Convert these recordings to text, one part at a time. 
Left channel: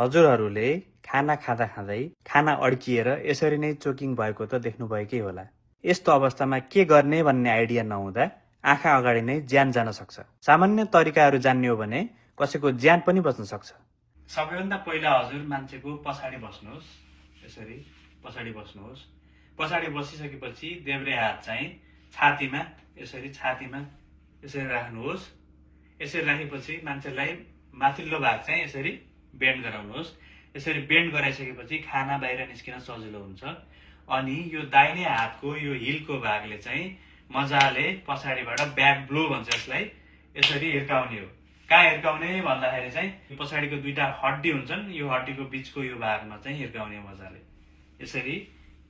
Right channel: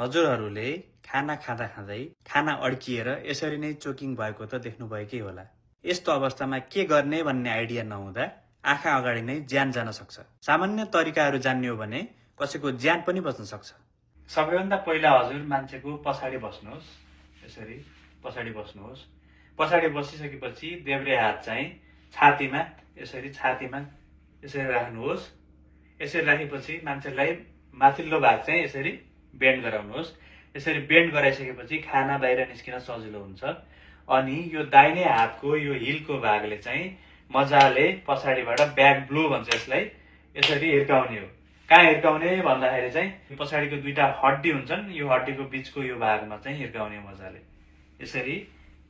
हजुरहरूले खाना खाँदा खाँदै खाना अड्किएर यसरी नै चोकिङ भएको त देख्नुभएकै होला। यस्तो अवस्थामा के गर्ने भन्ने आइडिया नहुँदा आँखा अगाडि नै ज्यान जान सक्छ। सामान्य तरिकाहरू जान्ने हो भने कसैको ज्यान पनि बच्न सक्छ। सबैभन्दा पहिला हजुर मान्छेको पछाडि बस्नुहोस्। यसरी पछाडि बस्नुहोस्। पछाडि बसिसकेपछि देब्रे हात चाहिँ छातीमा यसरी राख्नुहोस्। यसरी राखेपछि मान्छेलाई माथिल्लो भाग चाहिँ यसरी बेन्ड गराउनुहोस्। यसरी बेन्ड गराइसकेपछि खाना बाहिर निस्किन सजिलो हुन्छ। अनि यो दाहिने हातको यो हिलको भागले चाहिँ मजाले पछाडिबाट ब्याक ब्लो भन्छ यसलाई, यसरी हिर्काउने हो। कहाँ हिर्काउने भन्दाखेरि चाहिँ पछाडिको दुईटा हड्डी हुन्छन्, यो हड्डीको बीचको यो भागमा चाहिँ हिर्काउने मजाले। यसरी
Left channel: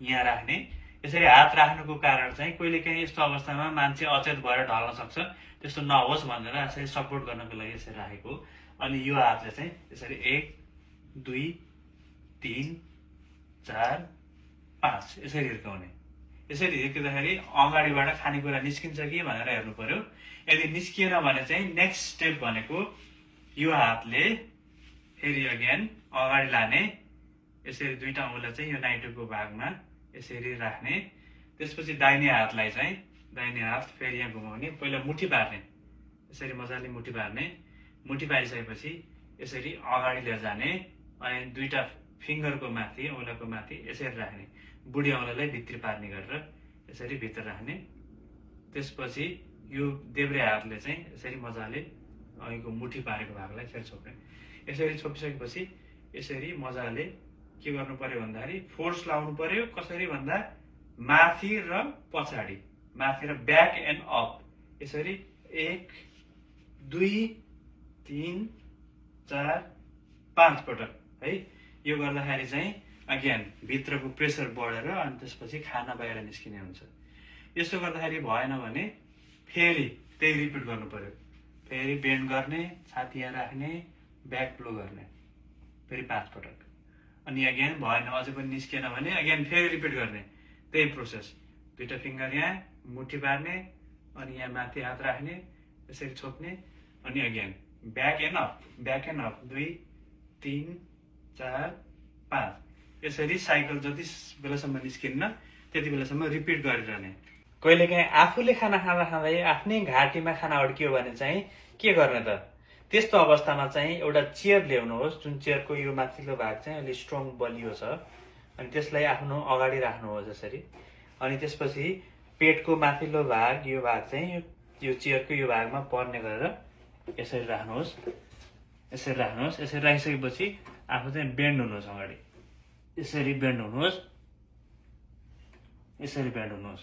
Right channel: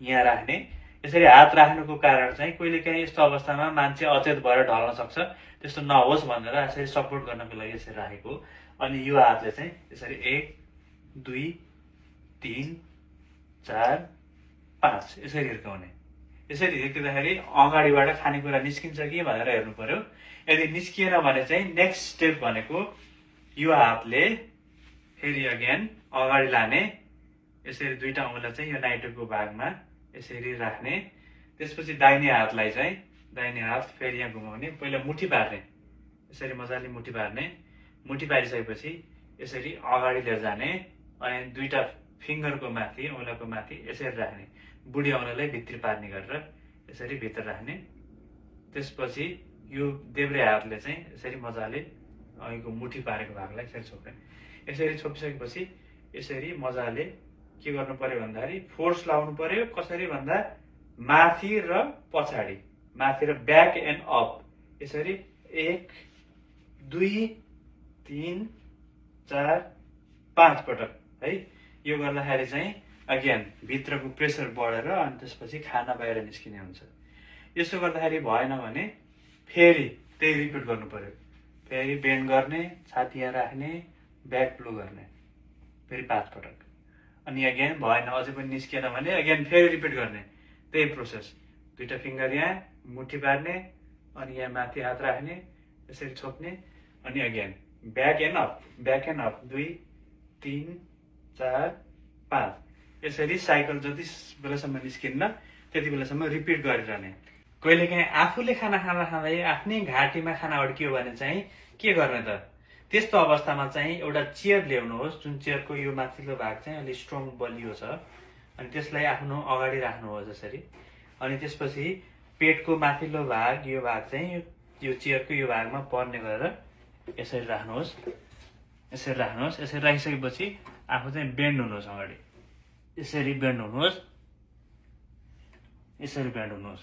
यहाँ राख्ने। यसरी हात राख्नुको कारण चाहिँ कहिलेकाहीँ यस्तो अवस्थामा मान्छे अचेत भएर ढल्न सक्छ, त्यस्तो नहोस् भनेर यसरी सपोर्ट गर्नको लागि यसरी राखेको। अनि यो हातले चाहिँ यसरी 1 2 3 4 5 यसरी हिर्काउने। यसरी हिर्किँदाखेरि अगाडिबाट खानेकुरा निस्किन्छ कि भनेर हेर्नु पर्यो। यदि निस्किएन भने चाहिँ नेक्स्ट स्टेप भनेको यो हातले फेरि अगेन अगाडि लाने। यसरी दुईटा औँला चाहिँ यो नाइटोको भागमा यसरी राख्ने। त्यसपछि दाहिने हातलाई चाहिँ दाहिने हात फेरि यहाँ घुमाउने। पहिला मुठी पार्ने, यसरी मजाले मुठी पार्ने। मुठी पारिसकेपछि यसरी अगाडि लिएर जाने अनि दुईटा फिङ्गरको माथि औँलाको माथि यसरी राख्ने। बुढी औँलालाई भित्री पार्ने गरेर यसरी भित्र राख्ने। त्यसपछि यो देब्रे हातले चाहिँ यसरी मजाले अघिको मुठी पारेको भागलाई यसरी छोप्ने। यसरी छोपिसकेपछि यसरी मजाले के गर्नु पर्यो भन्दाखेरि फोर्स लाउनु पर्यो। कसरी भन्दा माथि र पछाडि, माथि र ब्याक एन्ड अप, यसरी 1 2 3 4 5 पटक है। यो गर्दाखेरि चाहिँ अगेन भित्रको प्रेसर बढेर अनि त्यसपछि खाना बाहिर निस्किने हुन्छ। यसो गर्दाखेरि भएन भने फेरि त्यही रिपिट गर्नु पर्यो। फेरि बेन्ड गर्ने, छाती यहाँ राख्ने, ब्याक ब्लो गर्ने, फेरि 5 पटक। अनि अगेन भएन, अझै पनि निस्किएन भने अगेन फेरि रिपिट गर्ने त्यही प्रोसेस। दुईटा फिङ्गर यहाँ मुठी पार्ने अनि यहाँ माथि हात राख्ने, यसरी छोप्ने अनि again back and up, back and up 2 3 4 5 यसरी साइकल जति बेलासम्म निस्किन्न त्यति बेलासम्म रिपिट गरिरहने। कहिलेकाहीँ आफूले खाना खाँदा खाँदै आफ्नै घाँटीमा खाना अड्कियो भने चाहिँ के गर्ने त? त्यस्तो अवस्थामा चाहिँ एउटा चेयर ल्याउनुहोस्, जुन चेयरको यो माथिल्लो भाग चाहिँ अलिक स्ट्रङ बलियो छ, अनि त्यसलाई आफ्नो अगाडि राख्नुहोस् यसरी। अनि त्यसपछि पेटको माथिल्लो भाग, यो भाग चाहिँ यो चेयरको यो भागमा पर्ने गरेर यसरी राख्नुहोस्। यसरी राख्नुहोस्। यसरी राखिसकेपछि आफू चाहिँ बेन्ड हुनुहोस् अगाडि, यसरी बेन्ड हुनुहोस्, यसरी बेन्ड हुनुहोस्,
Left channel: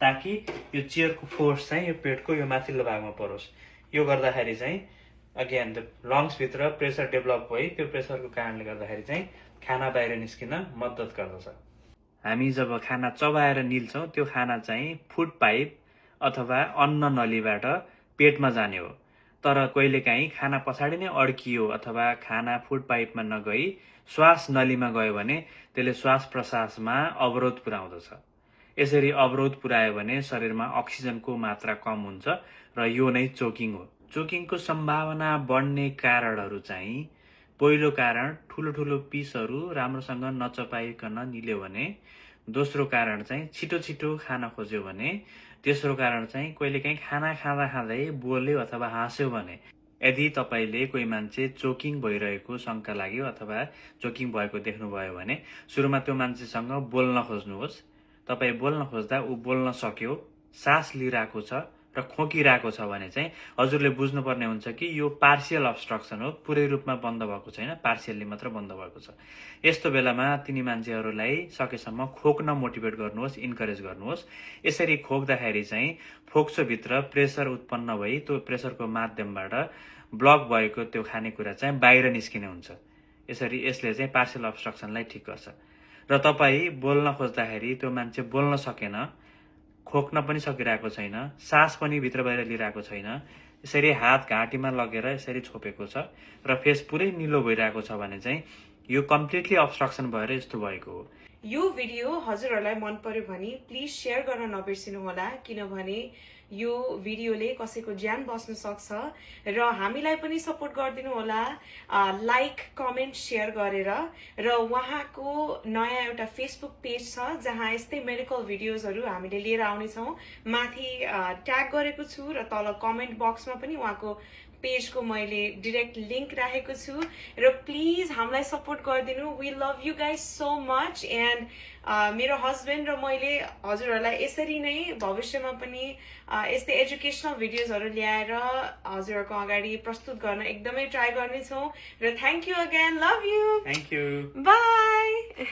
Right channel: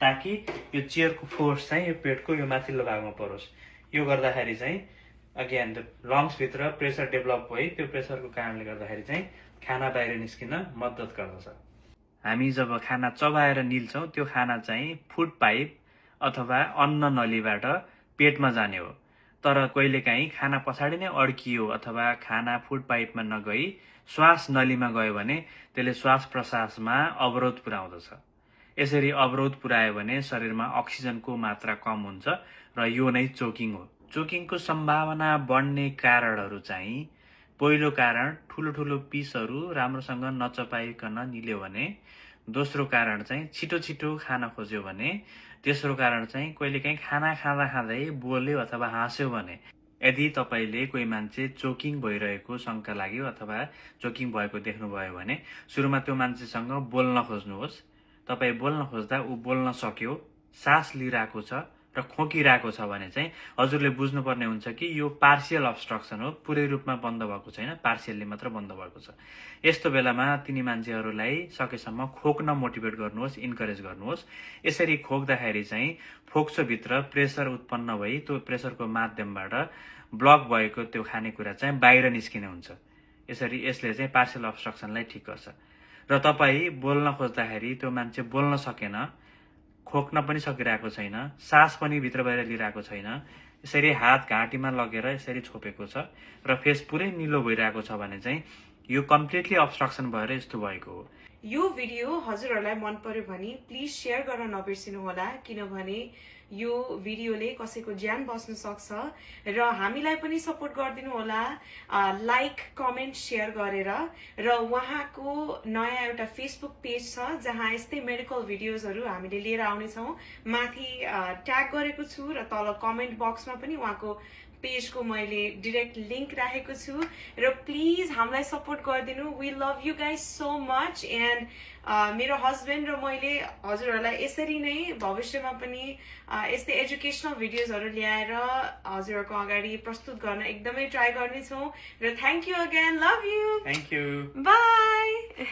ताकि यो चेयरको फोर्स चाहिँ यो पेटको यो माथिल्लो भागमा परोस्। यो गर्दाखेरि चाहिँ अगेन लङ्सभित्र प्रेसर डेभलप भई त्यो प्रेसरको कारणले गर्दाखेरि चाहिँ खाना बाहिर निस्किन मद्दत गर्दछ। हामी जब खाना चबाएर निल्छौँ त्यो खाना चाहिँ फुड पाइप अथवा अन्न नलीबाट पेटमा जाने हो। तर कहिलेकाहीँ खाना पछाडि नै अड्कियो अथवा खाना फुड पाइपमा नगई श्वास नलीमा गयो भने त्यसले श्वास प्रश्वासमा अवरोध पुर्याउँदछ। यसरी अवरोध पुर्यायो भने शरीरमा अक्सिजनको मात्रा कम हुन्छ र यो नै चोकिङ हो। चोकिङको सम्भावना बढ्ने कारणहरू चाहिँ पहिलो कारण ठुलो ठुलो पिसहरू राम्रोसँग नचपाइकन निल्यो भने, दोस्रो कारण चाहिँ छिटो छिटो खान खोज्यो भने, तेस्रो कारण चाहिँ कहिलेकाहीँ खाना खाँदा खाँदै बोल्यो अथवा हाँस्यो भने। यदि तपाईँले कोही मान्छे चोकिङ भइरहेको शङ्का लाग्यो अथवा चोकिङ भएको देख्नुभयो भने सुरुमा त्यो मान्छेसँग बोल्न खोज्नुहोस्। तपाईँ बोल्न खोज्दा ऊ बोल्न सक्यो, सास लिइरहेको छ र खोकिरहेको छ भने चाहिँ हजुरले बुझ्नुपर्ने हुन्छ कि यो पार्सियल अब्स्ट्रक्सन हो, पुरै रूपमा बन्द भएको छैन, पार्सियल्ली मात्र बन्द भएको छ। यस्तो बेलामा तिनी मान्छेहरूलाई सकेसम्म खोक्न मोटिभेट गर्नुहोस्, इन्करेज गर्नुहोस्। यसरी खोक्दाखेरि चाहिँ फोक्सोभित्र प्रेसर उत्पन्न भई त्यो प्रेसरको माध्यमबाट ब्लक भएको त्यो खानेकुरा चाहिँ बाहिर निस्किने हुन्छ। यसरी यसले चाहिँ पार्सियल अब्स्ट्रक्सनलाई ठिक गर्छ। र तपाईँ बोल्न खोज्दाखेरि त्यो मान्छे बोल्न सकेन, खोक्न पनि सकिरहेको छैन, सास पनि भित्र बाहिर लिइरहेको छैन, यसरी हात घाँटीमा लगेर यसरी छोपेको छ र फेस पुरै निलो भइरहेको छ भने चाहिँ यो कम्प्लिटली अब्स्ट्रक्सन भएर यस्तो भएको हो। यो भिडियो हजुरहरूलाई मन पर्यो भने प्लिज सेयर गर्न नबिर्सिनु होला, किनभने यो भिडियोले कसैको ज्यान बस्न सक्छ र हामीलाई पनि सपोर्ट गरिदिनु होला लाइक कमेन्ट सेयर गरेर। र उहाँको नयाँ एउटा फेसबुक पेज छ जहाँ यस्तै मेडिकल भिडियोजहरू हामीले लिएर आउनेछौँ। माथि ट्याग गरेको छु र तल कमेन्ट बक्समा पनि उहाँको पेजको मैले डिरेक्ट लिङ्क राखेको छु र प्लिज हामीलाई सपोर्ट गरिदिनु। We love you guys so much. And मेरो हस्बेन्ड र मैले हजुरहरूलाई यसरी नै भविष्यमा पनि यस्तै एजुकेसनल भिडियोजहरू ल्याएर हजुरहरूको अगाडि प्रस्तुत गर्न एकदमै ट्राई गर्नेछौँ। र thank you again, love you, thank you, by.